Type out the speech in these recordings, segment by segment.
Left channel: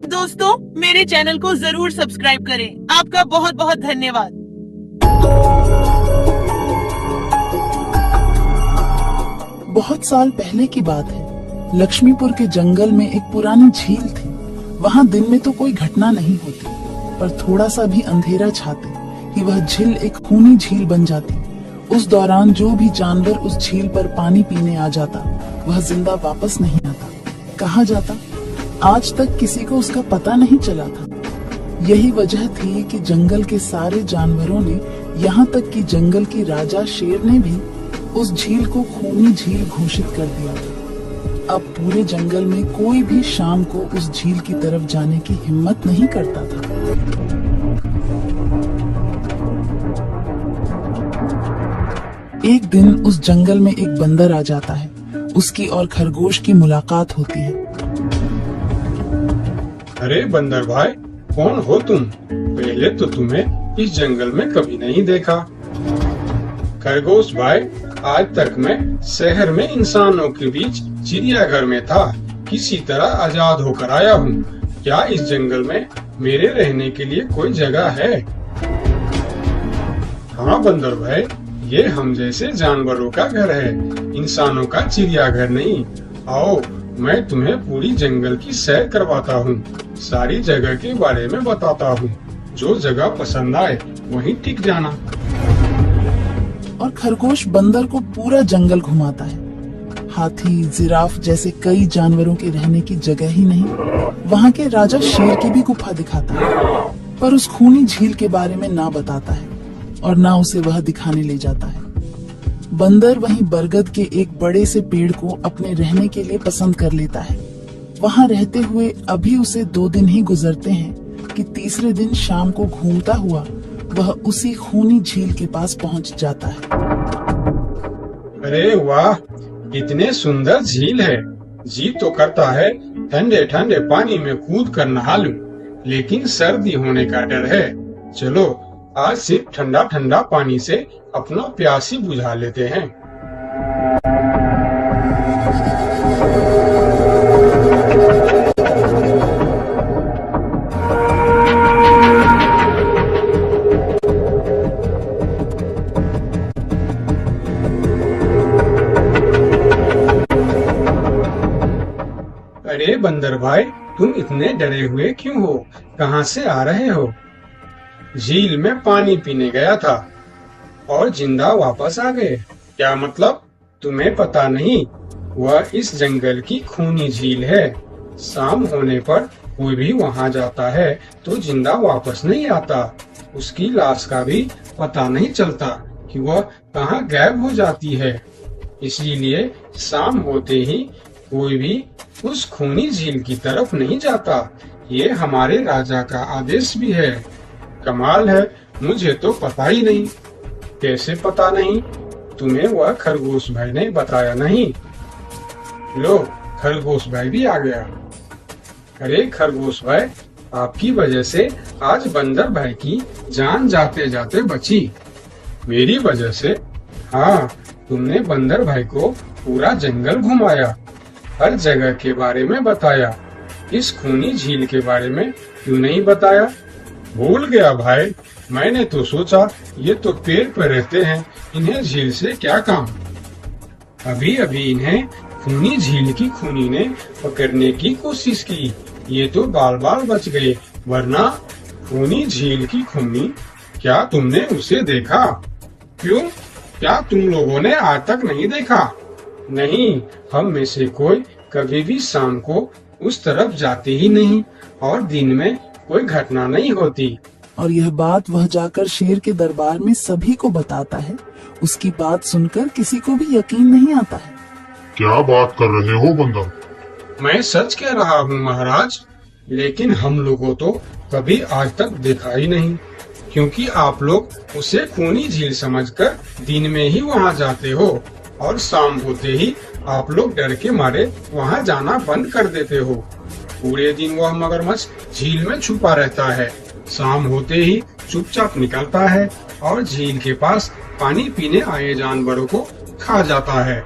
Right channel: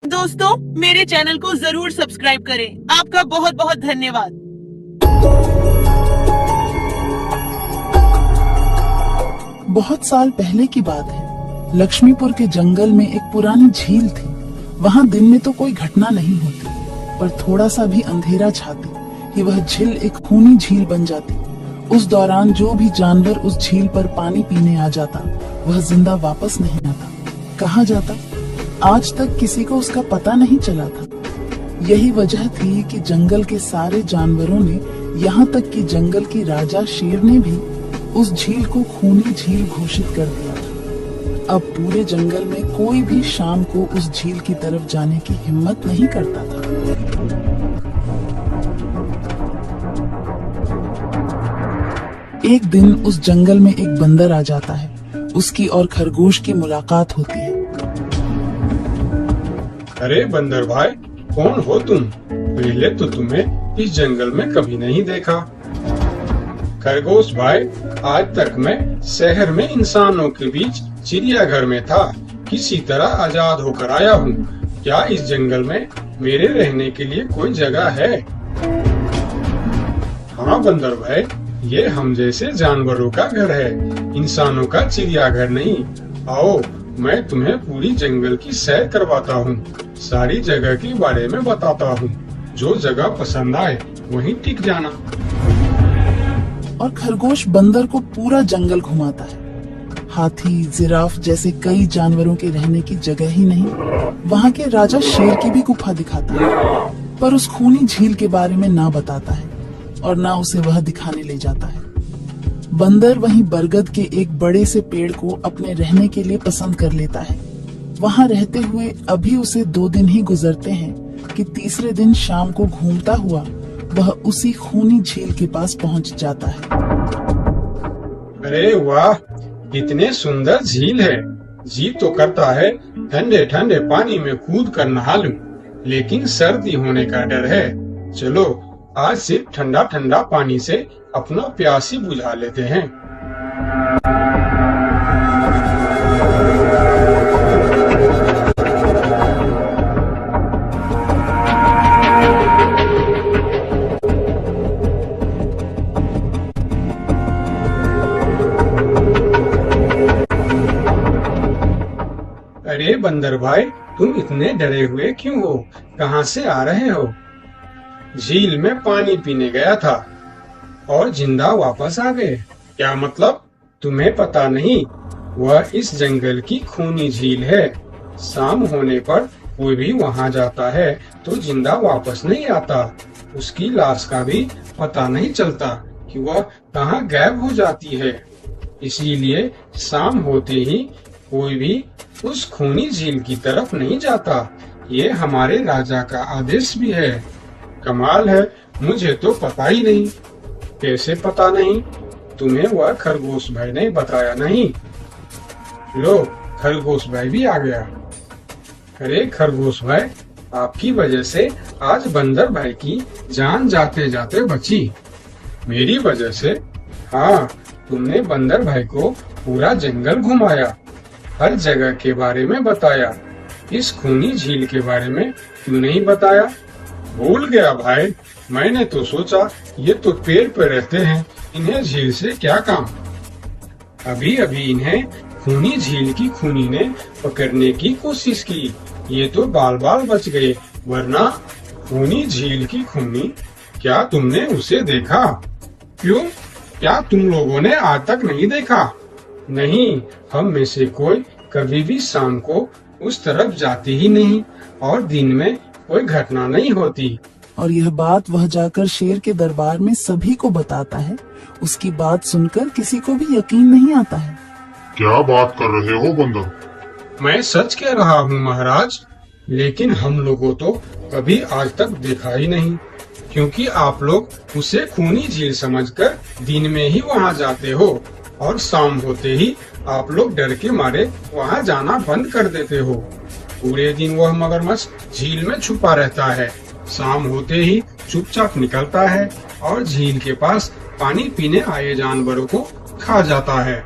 दोस्तों, मेरे चैनल को जरूर सब्सक्राइब करें। आपका बहुत बहुत धन्यवाद। बहुत साल पहले की बात है। लक्ष्मीपुर के जंगल में एक पुरानी झील थी। वहाँ दिन में तो कोई घटना नहीं होती, पर थोड़ा सा भी अंधेरा छाते कि वह झील एक खूनी झील बन जाती। उस दौरान जो भी जानवर उस झील पर पानी पीने आ जाता, वह जिंदा वापस नहीं आता। कहाँ जाता, आज तक किसी को उसका पता नहीं चला था। यही वजह थी कि जंगल के सारे जानवरों ने, यहाँ तक कि जंगल की राजा शेर ने भी उस झील को खूनी झील घोषित कर दिया था। अब पूरे जंगल में कोई भी शाम को उस झील की तरफ जाने की हिम्मत नहीं करता था। एक दिन उस जंगल में एक बंदर आ जाता है। उसकी और खरगोश की मुलाकात होती है। अरे बंदर भाई, कौन हो तुम? पहले तो तुम्हें इस जंगल में कभी नहीं देखा। खरगोश भाई, आज तक मैं शहर में इंसानों के बीच चिड़ियाघर में था। किसी तरह आजाद होकर आया हूँ। क्या इस जंगल में मेरे रहने के लिए कोई जगह है? हाँ बंदर भाई, ये हम जैसे जानवरों का घर है, इंसानों का चिड़ियाघर नहीं। आओ, मैं तुम्हें पूरी जंगल की सैर करवाता हूँ, सारी जगह के बारे में बताता हूँ। जो जगह पसंद आए वहीं टिक जाना। और खरगोश बंदर को पूरा जंगल घुमाता है। हाथी, जिराफ जैसे कई जानवरों के रहने की जगह ही नहीं, वहाँ के राजा शेर की भी गुफा दिखाता है, पर उस खूनी झील के बारे में ना बताता है और ना उसे वह दिखाने ले जाता है। बंदर वहीं बरगद के एक बड़े से पेड़ को अपने रहने के लिए पसंद कर लेता है। वहाँ रहते हुए अभी उसे 2 दिन ही गुजरते हैं कि तीसरे दिन शाम को घूमता हुआ वह उसी खूनी झील के पास पहुँच जाता है। अरे वाह, इतने सुंदर झील है। जी तो करता है ठंडे ठंडे पानी में कूद कर नहा लूं, लेकिन सर्दी होने का डर है। चलो, आज सिर्फ ठंडा ठंडा पानी से अपना प्यास ही बुझा लेते हैं। अरे बंदर भाई, तुम इतने डरे हुए क्यों हो? कहाँ से आ रहे हो? झील में पानी पीने गया था और जिंदा वापस आ गए। क्या मतलब? तुम्हें पता नहीं? वह इस जंगल की खूनी झील है। शाम होने पर कोई भी वहां जाता है तो जिंदा वापस नहीं आता। उसकी लाश का भी पता नहीं चलता कि वह कहाँ गायब हो जाती है। इसीलिए शाम होते ही कोई भी उस खूनी झील की तरफ नहीं जाता। ये हमारे राजा का आदेश भी है। कमाल है, मुझे तो पता ही नहीं। कैसे पता नहीं? तुम्हें वह खरगोश भाई ने बताया नहीं? लो, खरगोश भाई भी आ गया। अरे खरगोश भाई, आपकी वजह से आज बंदर भाई की जान जाते जाते बची। मेरी वजह से? हाँ, तुमने बंदर भाई को पूरा जंगल घुमाया, हर जगह के बारे में बताया। इस खूनी झील के बारे में क्यों नहीं बताया? भूल गया भाई, मैंने तो सोचा ये तो पेड़ पर रहते हैं, इन्हें झील से क्या काम। अभी अभी इन्हें खूनी झील की खूनी ने पकड़ने की कोशिश की, ये तो बाल बाल बच गए, वरना खूनी झील की खूनी, क्या तुमने उसे देखा? क्यों, क्या तुम लोगों ने आज तक नहीं देखा? नहीं, हम में से कोई कभी भी शाम को उस तरफ जाते ही नहीं और दिन में कोई घटना नहीं होती। और यह बात वह जाकर शेर के दरबार में सभी को बताता है। उसकी बात सुनकर किसी को भी यकीन नहीं आता है। क्या बात कर रहे हो बंदर? मैं सच कह रहा हूँ महाराज, लेकिन हम लोगों तो कभी आज तक देखा ही नहीं, क्योंकि आप लोग उसे खूनी झील समझकर दिन में ही वहाँ जाते हो और शाम होते ही आप लोग डर के मारे वहाँ जाना बंद कर देते हो। पूरे दिन वह मगरमच्छ झील में छुपा रहता है, शाम होते ही चुपचाप निकलता है और झील के पास पानी पीने आए जानवरों को खा जाता है।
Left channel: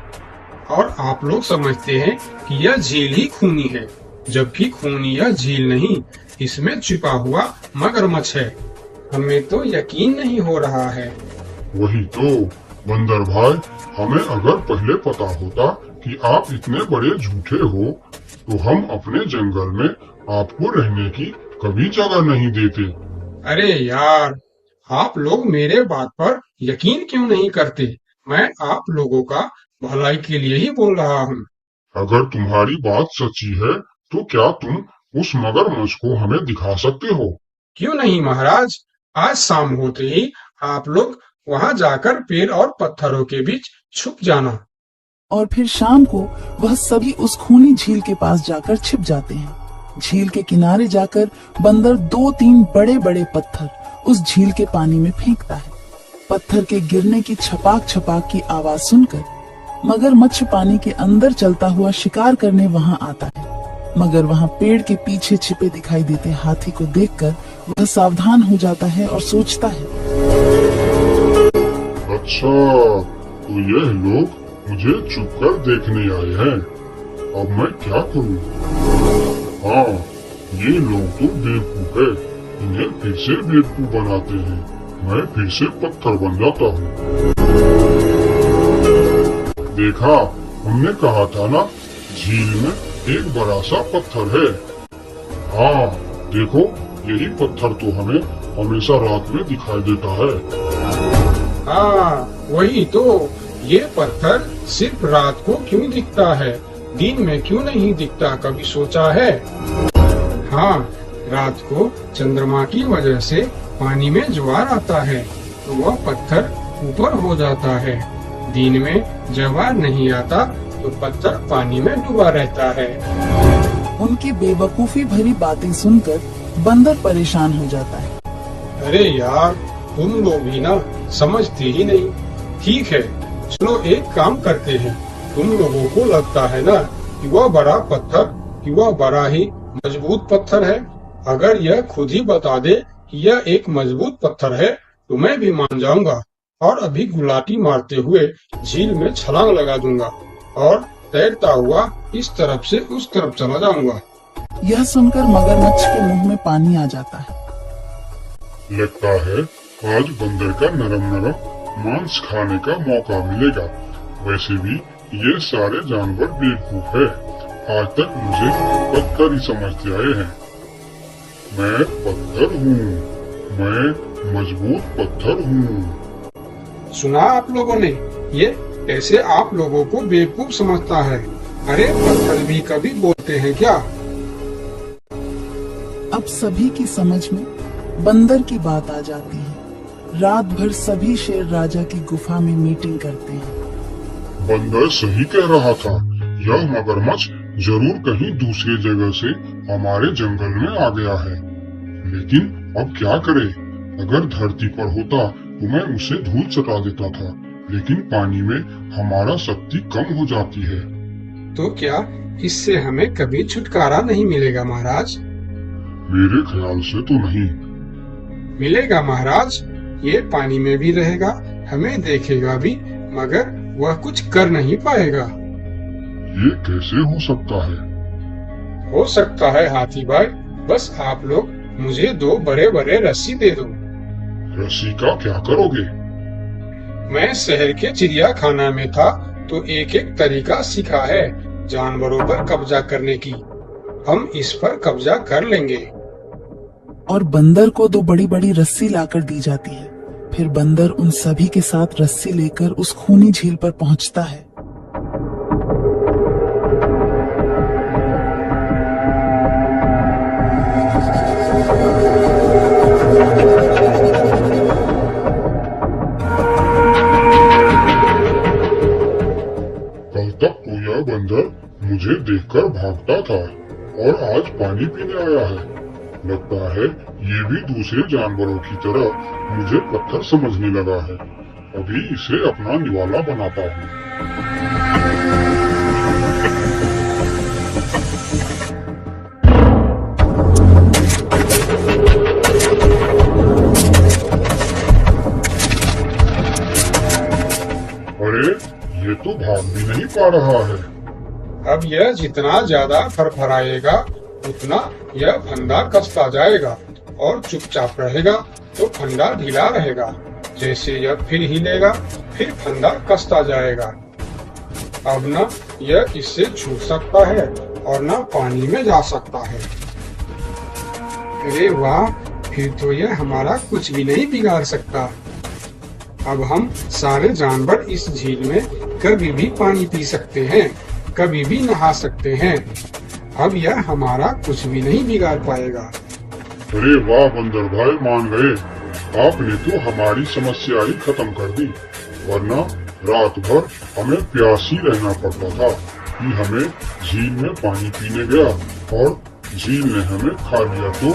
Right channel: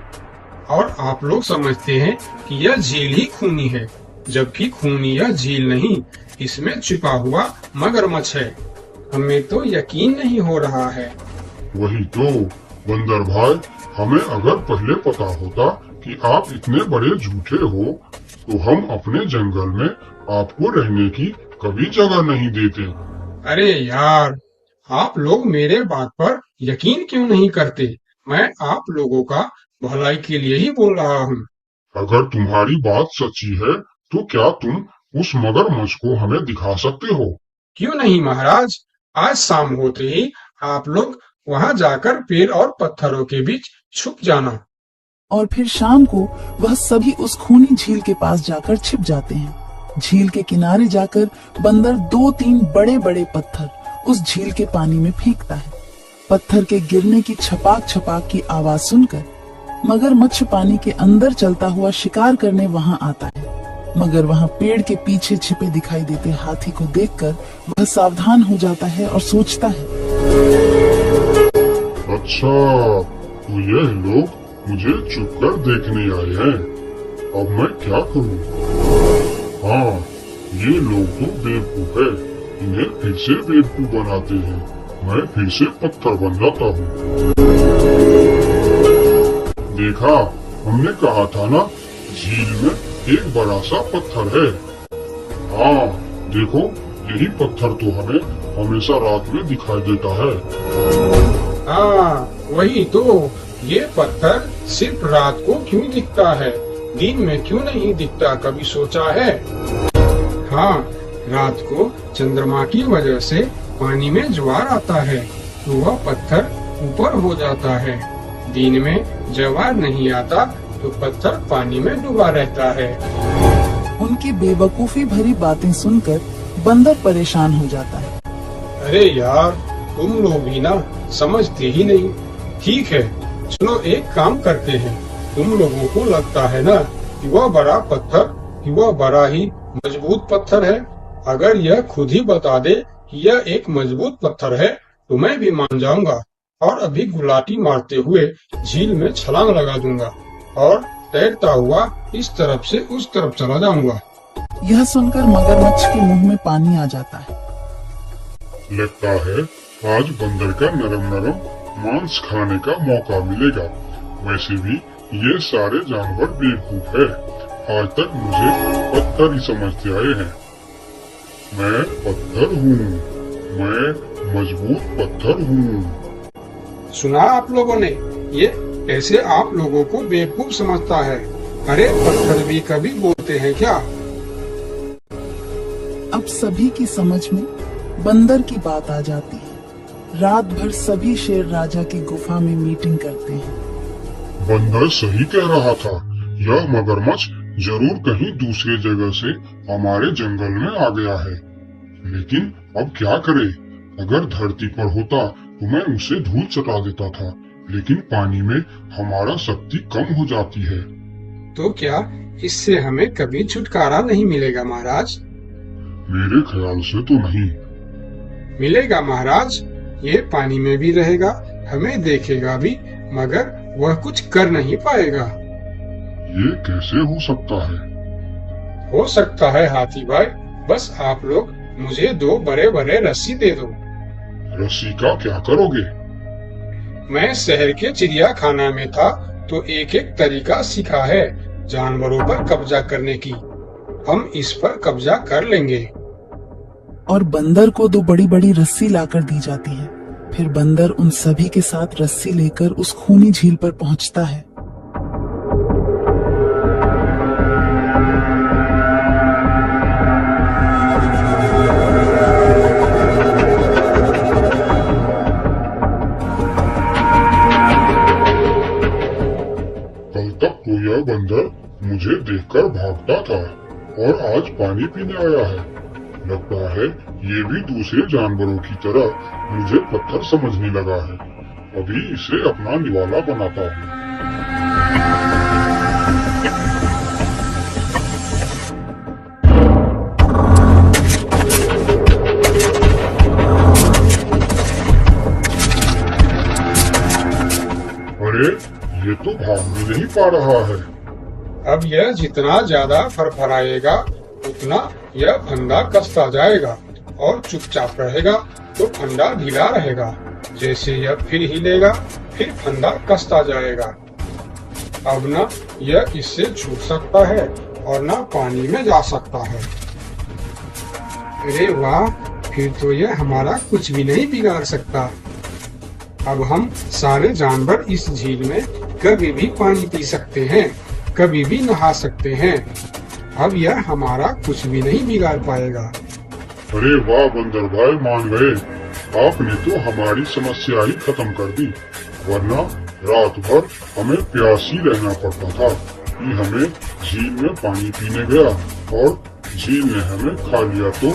और आप लोग समझते हैं कि यह झील ही खूनी है, जबकि खूनी यह झील नहीं, इसमें छिपा हुआ मगरमच्छ है। हमें तो यकीन नहीं हो रहा है। वही तो बंदर भाई, हमें अगर पहले पता होता कि आप इतने बड़े झूठे हो तो हम अपने जंगल में आपको रहने की कभी जगह नहीं देते। अरे यार, आप लोग मेरे बात पर यकीन क्यों नहीं करते? मैं आप लोगों का भलाई के लिए ही बोल रहा हूँ। अगर तुम्हारी बात सच्ची है तो क्या तुम उस मगरमच्छ को हमें दिखा सकते हो? क्यों नहीं महाराज, आज शाम होते ही आप लोग वहाँ जाकर पेड़ और पत्थरों के बीच छुप जाना। और फिर शाम को वह सभी उस खूनी झील के पास जाकर छिप जाते हैं। झील के किनारे जाकर बंदर 2-3 बड़े बड़े पत्थर उस झील के पानी में फेंकता है। पत्थर के गिरने की छपाक छपाक की आवाज सुनकर मगरमच्छ पानी के अंदर चलता हुआ शिकार करने वहां आता है। मगर वहां पेड़ के पीछे छिपे दिखाई देते हाथी को देखकर वह सावधान हो जाता है और सोचता है, अच्छा, तो यह लोग मुझे छुपकर देखने आए हैं। अब मैं क्या करूं? हाँ, ये लोग तो बेवकूफ है। इन्हें फिर से बेवकूफ बनाते हैं। मैं फिर से पत्थर बन जाता हूँ। देखा, हमने कहा था ना, झील में एक बड़ा सा पत्थर है। हाँ, देखो, यही पत्थर तो हमें हमेशा रात में दिखाई देता है। वही तो, ये पत्थर सिर्फ रात को क्यों दिखता है, दिन में क्यों नहीं दिखता, कभी सोचा है? हाँ, रात को चंद्रमा की वजह से पानी में ज्वार आता है तो वह पत्थर ऊपर हो जाता है। दिन में ज्वार नहीं आता तो पत्थर पानी में डूबा रहता है। उनकी बेवकूफी भरी बातें सुनकर बंदर परेशान हो जाता है। अरे यार, तुम लोग भी ना समझते ही नहीं। ठीक है, चलो एक काम करते हैं। तुम लोगों को लगता है ना कि वह बड़ा पत्थर, कि वह बड़ा ही मजबूत पत्थर है। अगर यह खुद ही बता दे कि यह एक मजबूत पत्थर है तो मैं भी मान जाऊंगा और अभी गुलाटी मारते हुए झील में छलांग लगा दूंगा और तैरता हुआ इस तरफ से उस तरफ चला जाऊंगा। यह सुनकर मगरमच्छ के मुंह में पानी आ जाता है। लगता है आज बंदर का नरम नरम मांस खाने का मौका मिलेगा। वैसे भी ये सारे जानवर बेवकूफ है। आज तक मुझे पत्थर ही समझते आए हैं। मैं पत्थर हूँ, मैं मजबूत पत्थर हूँ। सुना आप लोगों ने, ये कैसे आप लोगों को बेवकूफ समझता है? अरे पत्थर भी कभी बोलते हैं क्या? अब सभी की समझ में बंदर की बात आ जाती है। रात भर सभी शेर राजा की गुफा में मीटिंग करते हैं। बंदर सही कह रहा था, यह मगरमच्छ जरूर कहीं दूसरी जगह से हमारे जंगल में आ गया है। लेकिन अब क्या करे? अगर धरती पर होता तो मैं उसे धूल चटा देता था, लेकिन पानी में हमारा शक्ति कम हो जाती है। तो क्या इससे हमें कभी छुटकारा नहीं मिलेगा महाराज? मेरे ख्याल से तो नहीं। मिलेगा महाराज, ये पानी में भी रहेगा, हमें देखेगा भी, मगर वह कुछ कर नहीं पाएगा। ये कैसे हो सकता है? हो सकता है हाथी भाई, बस आप लोग मुझे 2 बड़े बड़े रस्सी दे दो। रस्सी का क्या करोगे? मैं शहर के चिड़ियाखाना में था तो एक एक तरीका सीखा है जानवरों पर कब्जा करने की। हम इस पर कब्जा कर लेंगे। और बंदर को 2 बड़ी बड़ी रस्सी लाकर दी जाती है। फिर बंदर उन सभी के साथ रस्सी लेकर उस खूनी झील पर पहुंचता है। कल तक तो यह बंदर मुझे देखकर भागता था और आज पानी पीने आया है। लगता है ये भी दूसरे जानवरों की तरह मुझे पत्थर समझने लगा है। अभी इसे अपना निवाला बनाता हूँ। अरे, ये तो भाग भी नहीं पा रहा है। अब यह जितना ज्यादा फरफराएगा उतना यह फंदा कसता जाएगा और चुपचाप रहेगा तो फंदा ढीला रहेगा। जैसे यह फिर हिलेगा फिर फंदा कसता जाएगा। अब न यह इससे छूट सकता है और न पानी में जा सकता है। अरे वाह, फिर तो यह हमारा कुछ भी नहीं बिगाड़ सकता। अब हम सारे जानवर इस झील में कभी भी पानी पी सकते हैं, कभी भी नहा सकते हैं। अब यह हमारा कुछ भी नहीं बिगाड़ पाएगा। अरे वाह बंदर भाई, मान गए। आपने तो हमारी समस्या ही खत्म कर दी, वरना रात भर हमें प्यासी रहना पड़ता था कि हमें झील में पानी पीने गया और झील ने हमें खा लिया। तो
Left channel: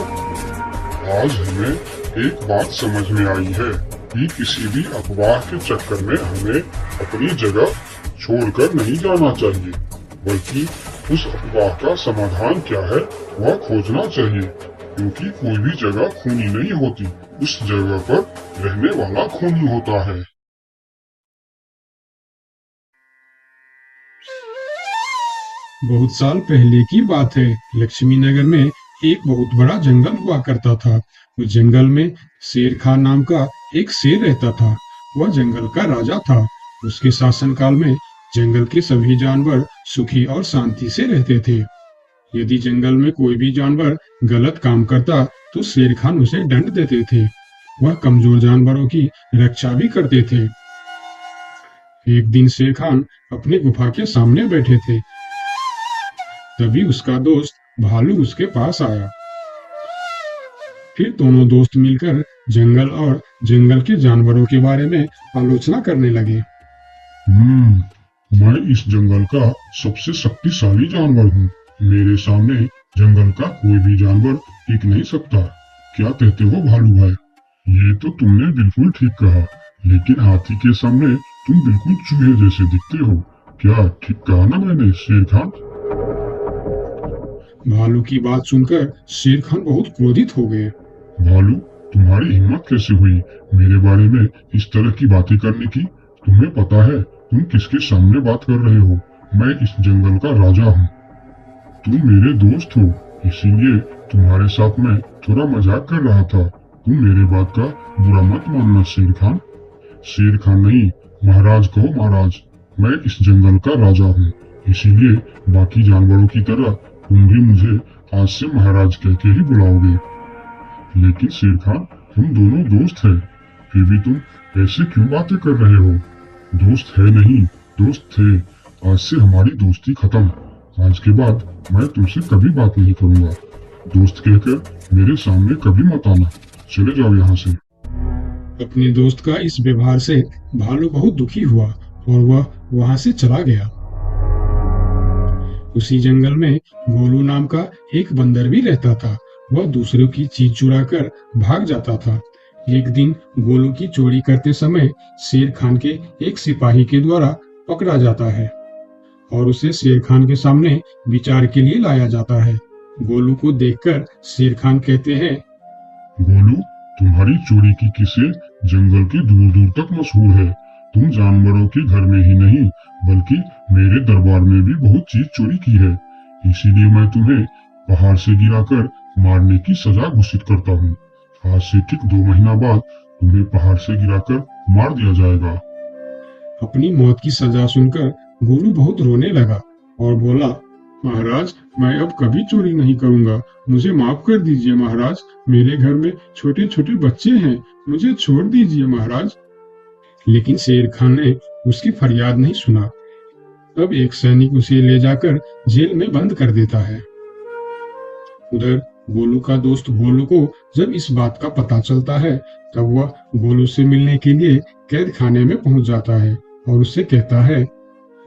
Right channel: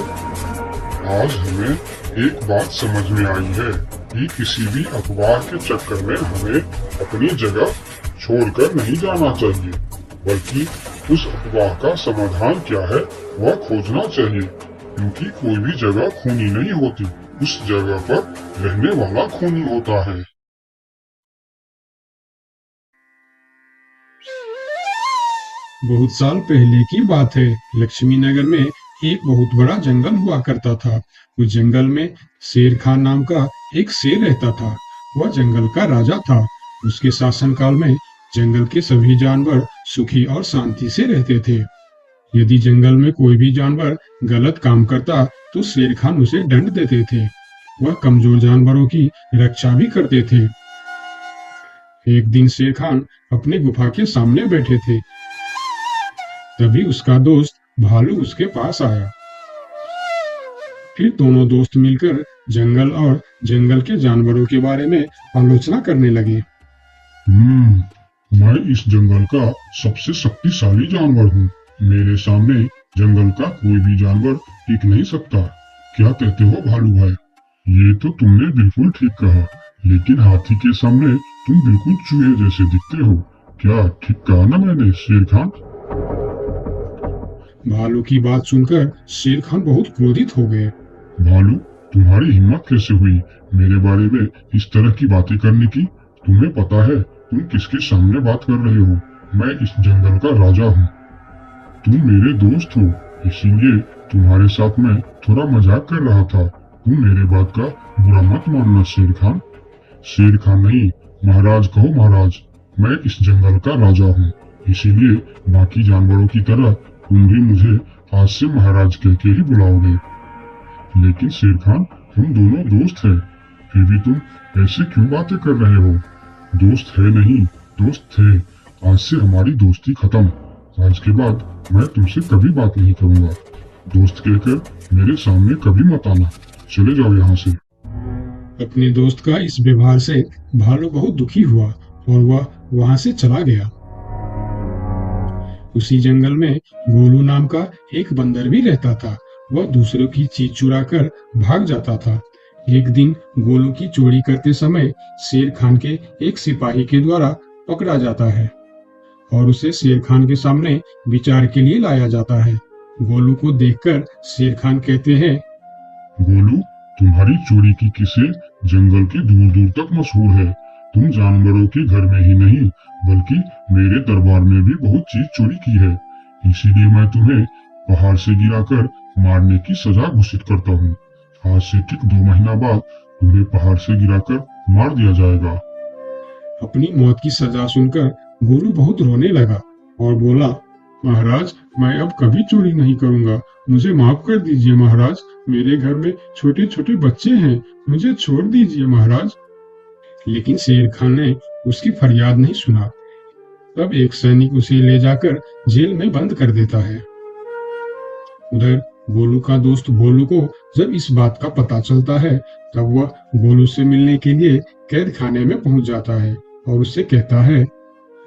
आज हमें एक बात समझ में आई है कि किसी भी अफवाह के चक्कर में हमें अपनी जगह छोड़कर नहीं जाना चाहिए, बल्कि उस अफवाह का समाधान क्या है वह खोजना चाहिए, क्योंकि कोई भी जगह खूनी नहीं होती, उस जगह पर रहने वाला खूनी होता है। बहुत साल पहले की बात है। लक्ष्मी नगर में एक बहुत बड़ा जंगल हुआ करता था। उस जंगल में शेर खान नाम का एक शेर रहता था। वह जंगल का राजा था। उसके शासनकाल में जंगल के सभी जानवर सुखी और शांति से रहते थे। यदि जंगल में कोई भी जानवर गलत काम करता तो शेर खान उसे दंड देते थे। वह कमजोर जानवरों की रक्षा भी करते थे। एक दिन शेर खान अपने गुफा के सामने बैठे थे। तभी उसका दोस्त भालू उसके पास आया। फिर दोनों दोस्त मिलकर जंगल और जंगल के जानवरों के बारे में आलोचना करने लगे। मैं इस जंगल का सबसे शक्तिशाली जानवर हूँ। मेरे सामने जंगल का कोई भी जानवर टिक नहीं सकता। क्या कहते हो भालू भाई? ये तो तुमने बिल्कुल ठीक कहा, लेकिन हाथी के सामने तुम बिल्कुल चूहे जैसे दिखते हो। क्या ठीक कहा ना मैंने शेर खान? भालू की बात सुनकर शेर खान बहुत क्रोधित हो गए। भालू, तुम्हारी हिम्मत कैसे हुई मेरे बारे में इस तरह की बातें करने की? तुम्हें पता है तुम किसके सामने बात कर रहे हो? मैं इस जंगल का राजा हूँ। तुम मेरे दोस्त हो, इसीलिए तुम्हारे साथ मैं थोड़ा मजाक कर रहा था। तुम मेरे बात का बुरा मत मानना शेर खान। शेर खान नहीं, महाराज कहो महाराज। मैं इस जंगल का राजा हूँ, इसीलिए बाकी जानवरों की तरह तुम भी मुझे आज से महाराज कह के ही बुलाओगे। लेकिन शेर खान, हम दोनों दोस्त हैं, फिर भी तुम ऐसे क्यों बातें कर रहे हो? दोस्त है नहीं, दोस्त थे। आज से हमारी दोस्ती खत्म। आज के बाद मैं तुमसे कभी बात नहीं करूंगा। दोस्त कहकर मेरे सामने कभी मत आना। चले जाओ यहाँ से। अपने दोस्त का इस व्यवहार से भालू बहुत दुखी हुआ और वह वहां से चला गया। उसी जंगल में गोलू नाम का एक बंदर भी रहता था। वह दूसरों की चीज चुरा कर भाग जाता था। एक दिन गोलू की चोरी करते समय शेर खान के एक सिपाही के द्वारा पकड़ा जाता है और उसे शेर खान के सामने विचार के लिए लाया जाता है। गोलू को देखकर शेर खान कहते हैं, गोलू, तुम्हारी चोरी की किस्से जंगल के दूर दूर तक मशहूर है। तुम जानवरों के घर में ही नहीं बल्कि मेरे दरबार में भी बहुत चीज चोरी की है। इसीलिए मैं तुम्हें पहाड़ से गिराकर मारने की सजा घोषित करता हूँ। आज से ठीक 2 महीना बाद तुम्हें पहाड़ से गिराकर मार दिया जाएगा। अपनी मौत की सजा सुनकर गोलू बहुत रोने लगा और बोला, महाराज, मैं अब कभी चोरी नहीं करूंगा। मुझे माफ कर दीजिए महाराज। मेरे घर में छोटे छोटे बच्चे हैं, मुझे छोड़ दीजिए महाराज। लेकिन शेर खान ने उसकी फरियाद नहीं सुना। तब एक सैनिक उसे ले जाकर जेल में बंद कर देता है। उधर गोलू का दोस्त भोलू को जब इस बात का पता चलता है तब वह गोलू से मिलने के लिए कैद खाने में पहुंच जाता है और उससे कहता है,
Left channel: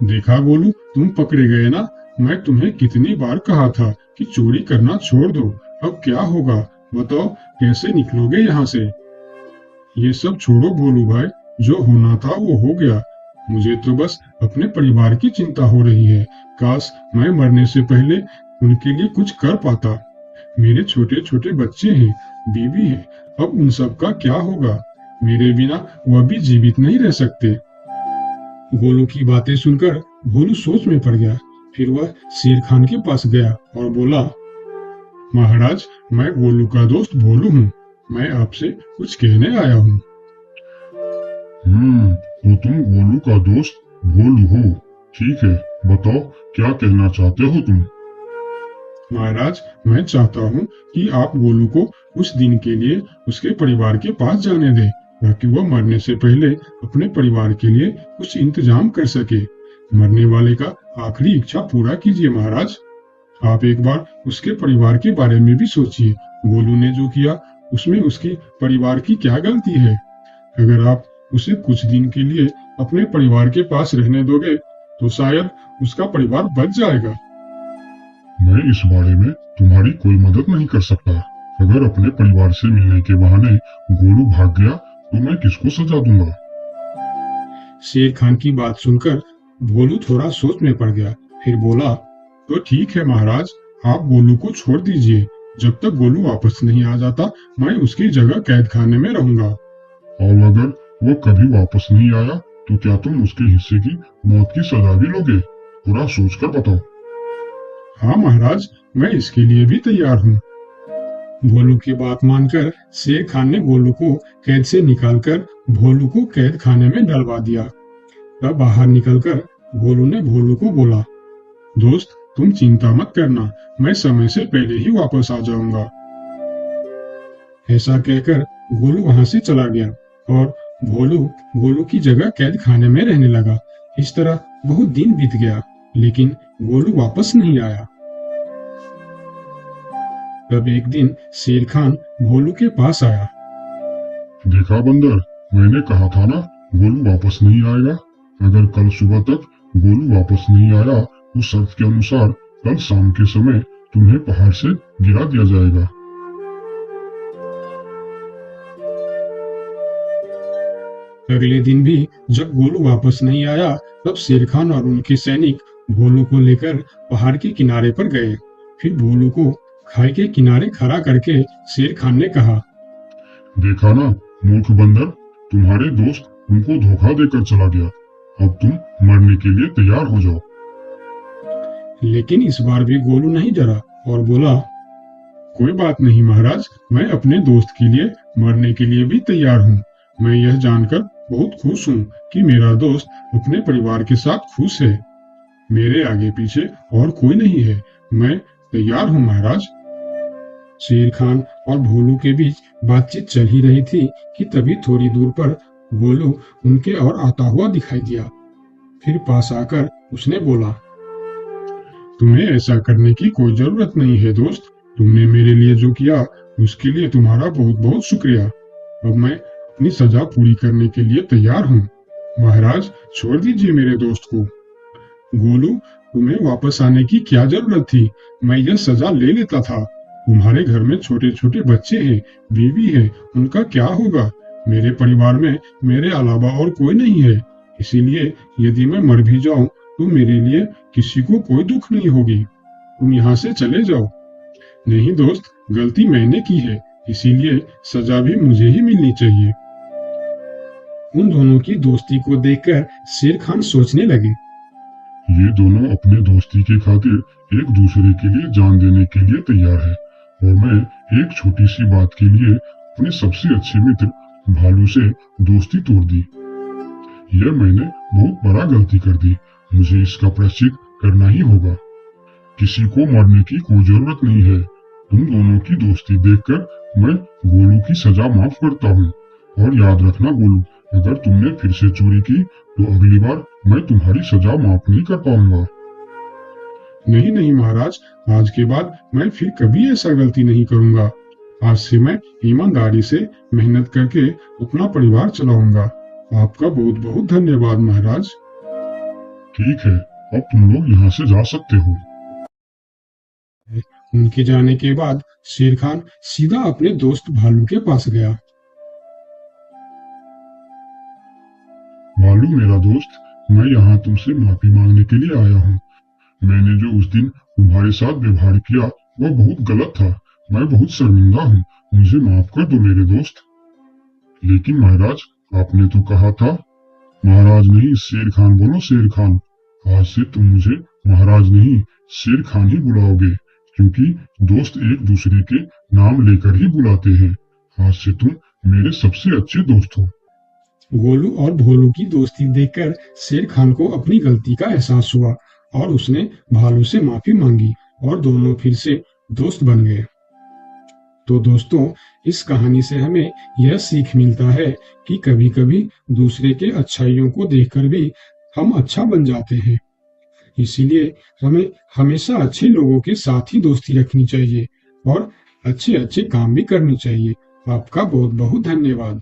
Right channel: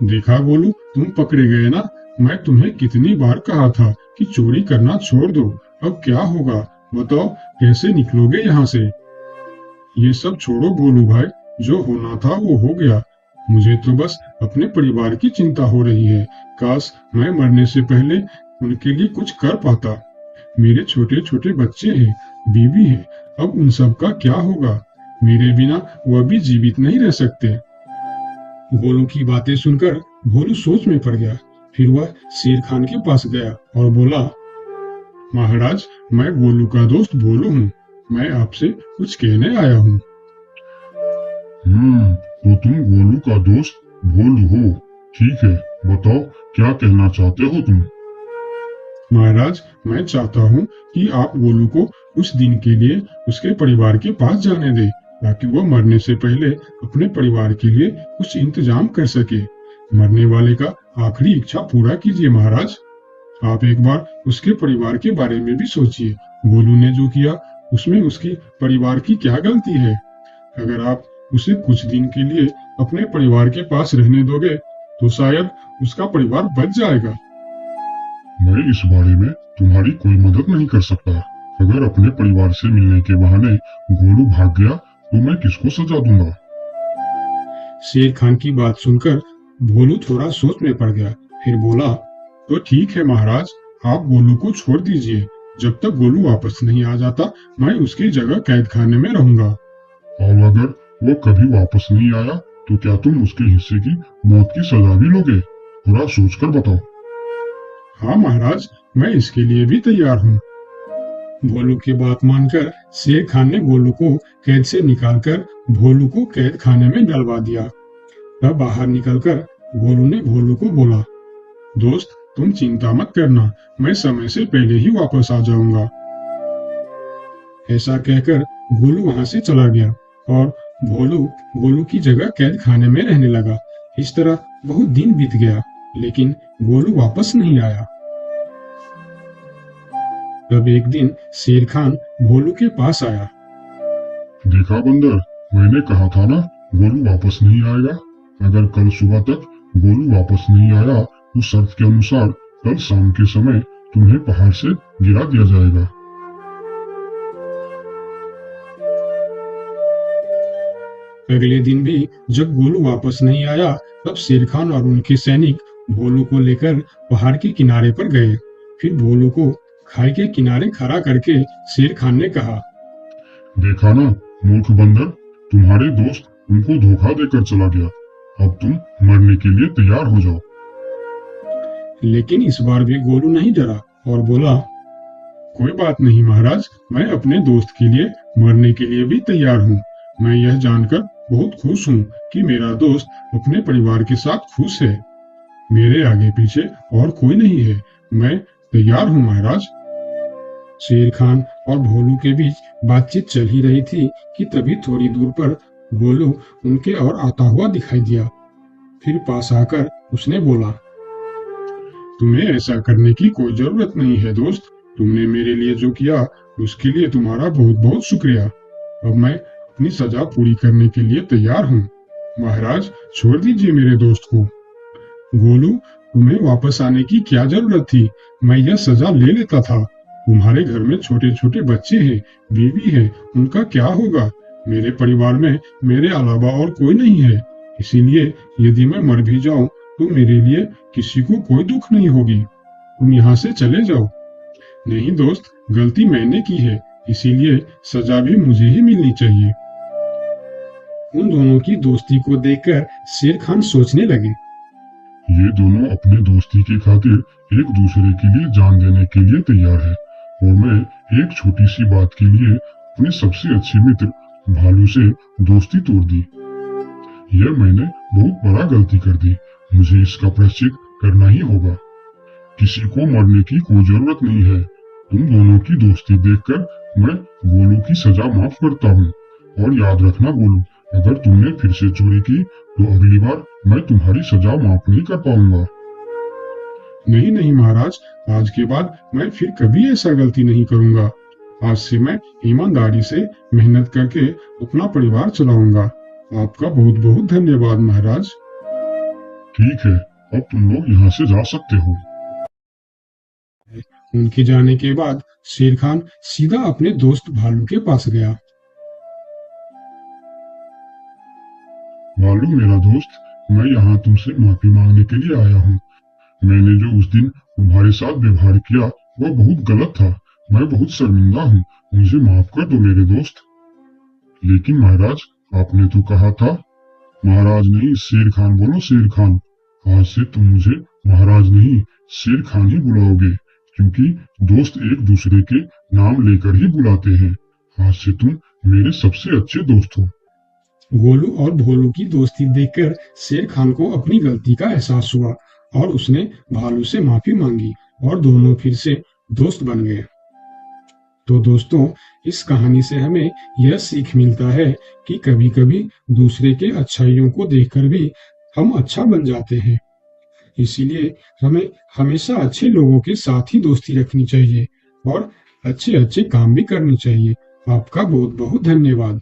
देखा गोलू, तुम पकड़े गए ना। मैं तुम्हें कितनी बार कहा था कि चोरी करना छोड़ दो। अब क्या होगा बताओ, कैसे निकलोगे यहाँ से? ये सब छोड़ो भोलू भाई, जो होना था वो हो गया। मुझे तो बस अपने परिवार की चिंता हो रही है। काश मैं मरने से पहले उनके लिए कुछ कर पाता। मेरे छोटे छोटे बच्चे हैं, बीवी है, अब उन सब का क्या होगा? मेरे बिना वह भी जीवित नहीं रह सकते। गोलू की बातें सुनकर भोलू सोच में पड़ गया। फिर वह शेर खान के पास गया और बोला, महाराज, मैं गोलू का दोस्त भोलू हूँ। मैं आपसे कुछ कहने आया हूँ। तो तुम गोलू का दोस्त भोलू हो। ठीक है, बताओ क्या कहना चाहते हो तुम। महाराज, मैं चाहता हूँ कि आप गोलू को कुछ दिन के लिए उसके परिवार के पास जाने दें, ताकि वह मरने से पहले अपने परिवार के लिए कुछ इंतजाम कर सके। मरने वाले का आखिरी इच्छा पूरा कीजिए महाराज। आप एक बार उसके परिवार के बारे में भी सोचिए। गोलू ने जो किया उसमें उसके परिवार की क्या गलती है? अगर आप उसे कुछ दिन के लिए अपने परिवार के पास रहने दोगे तो शायद उसका परिवार बच जाएगा। मैं इस बारे में तुम्हारी कोई मदद नहीं कर सकता। अगर अपने परिवार से मिलने के बहाने गोलू भाग गया तो मैं किसको सजा दूंगा? शेर खान की बात सुनकर भोलू थोड़ा सोच में पड़ गया। फिर बोला, तो ठीक है महाराज, आप गोलू को छोड़ दीजिए। जब तक गोलू वापस नहीं आ जाता मैं उसकी जगह कैद खाने में रहूंगा। और अगर वो कभी वापस नहीं आया तो क्या तुम उसके हिस्से की मौत की सजा भी लोगे? पूरा सोचकर बताओ। हाँ महाराज, मैं इसके लिए भी तैयार हूँ। भोलू की बात मानकर शेर खान ने गोलू को कैद से निकालकर भोलू को कैद खाने में डलवा दिया। तब बाहर निकलकर गोलू ने भोलू को बोला, दोस्त तुम चिंता मत करना, मैं समय से पहले ही वापस आ जाऊंगा। ऐसा कहकर गोलू वहां से चला गया और भोलू गोलू की जगह कैद खाने में रहने लगा। इस तरह बहुत दिन बीत गया, लेकिन गोलू वापस नहीं आया। तब एक दिन शेर खान भोलू के पास आया। देखा बंदर, मैंने कहा था ना गोलू वापस नहीं आएगा। अगर कल सुबह तक गोलू वापस नहीं आया तो शर्त के अनुसार कल शाम के समय तुम्हें पहाड़ से गिरा दिया जाएगा। अगले दिन भी जब गोलू वापस नहीं आया तब शेर खान और उनके सैनिक भोलू को लेकर पहाड़ के किनारे पर गए। फिर भोलू को खाई के किनारे खड़ा करके शेर खान ने कहा, देखा ना मूर्ख बंदर, तुम्हारे दोस्त तुमको धोखा देकर चला गया। अब तुम मरने के लिए तैयार हो जाओ। लेकिन इस बार भी गोलू नहीं डरा और बोला, कोई बात नहीं महाराज, मैं अपने दोस्त के लिए मरने के लिए भी तैयार हूँ। मैं यह जानकर बहुत खुश हूँ कि मेरा दोस्त अपने परिवार के साथ खुश है। मेरे आगे पीछे और कोई नहीं है, मैं तैयार हूँ महाराज। शेर खान और भोलू के बीच बातचीत चल ही रही थी कि तभी थोड़ी दूर पर गोलू उनके और आता हुआ दिखाई दिया। फिर पास आकर उसने बोला, तुम्हें ऐसा करने की कोई जरूरत नहीं है दोस्त। तुमने मेरे लिए जो किया उसके लिए तुम्हारा बहुत बहुत शुक्रिया। अब मैं अपनी सजा पूरी करने के लिए तैयार हूँ। महाराज छोड़ दीजिए मेरे दोस्त को। गोलू, तुम्हें वापस आने की क्या जरूरत थी? मैं यह सजा ले लेता था। तुम्हारे घर में छोटे छोटे बच्चे हैं, बीवी है, उनका क्या होगा? मेरे परिवार में मेरे अलावा और कोई नहीं है, इसीलिए यदि मैं मर भी जाऊं तो मेरे लिए किसी को कोई दुख नहीं होगी। तुम यहाँ से चले जाओ। नहीं दोस्त, गलती मैंने की है, इसीलिए सजा भी मुझे ही मिलनी चाहिए। उन दोनों की दोस्ती को देखकर शेर खान सोचने लगे, ये दोनों अपने दोस्ती की खातिर एक दूसरे के लिए जान देने के लिए तैयार है, और मैं एक छोटी सी बात के लिए अपने सबसे अच्छे मित्र भालू से दोस्ती तोड़ दी। यह मैंने बहुत बड़ा गलती कर दी। मुझे इसका प्रायश्चित करना ही होगा। किसी को मरने की कोई जरूरत नहीं है। तुम दोनों की दोस्ती देखकर मैं गोलू की सजा माफ करता हूँ। और याद रखना गोलू, अगर तुमने फिर से चोरी की तो अगली बार मैं तुम्हारी सजा माफ नहीं कर पाऊंगा। नहीं नहीं महाराज, आज के बाद मैं फिर कभी ऐसा गलती नहीं करूंगा। आज से मैं ईमानदारी से मेहनत करके अपना परिवार चलाऊंगा। आपका बहुत बहुत धन्यवाद महाराज। ठीक है, अब तुम लोग यहाँ से जा सकते हो। उनके जाने के बाद शेर खान सीधा अपने दोस्त भालू के पास गया। भालू मेरा दोस्त, मैं यहाँ तुमसे माफी मांगने के लिए आया हूँ। मैंने जो उस दिन तुम्हारे साथ व्यवहार किया वह बहुत गलत था। मैं बहुत शर्मिंदा हूँ, मुझे माफ कर दो मेरे दोस्त। लेकिन महाराज, आपने तो कहा था। महाराज नहीं, शेर खान बोलो, शेर खान। आज से तुम मुझे महाराज नहीं शेर खान ही बुलाओगे, क्योंकि दोस्त एक दूसरे के नाम लेकर ही बुलाते हैं। आज से तुम मेरे सबसे अच्छे दोस्त हो। गोलू और भोलू की दोस्ती देखकर शेर खान को अपनी गलती का एहसास हुआ और उसने भालू से माफी मांगी और दोनों फिर से दोस्त बन गए। तो दोस्तों, इस कहानी से हमें यह सीख मिलता है कि कभी-कभी दूसरे के अच्छाइयों को देखकर भी हम अच्छा बन जाते हैं। इसीलिए हमें हमेशा अच्छे लोगों के साथ ही दोस्ती रखनी चाहिए और अच्छे अच्छे काम भी करनी चाहिए। आपका बहुत बहुत धन्यवाद।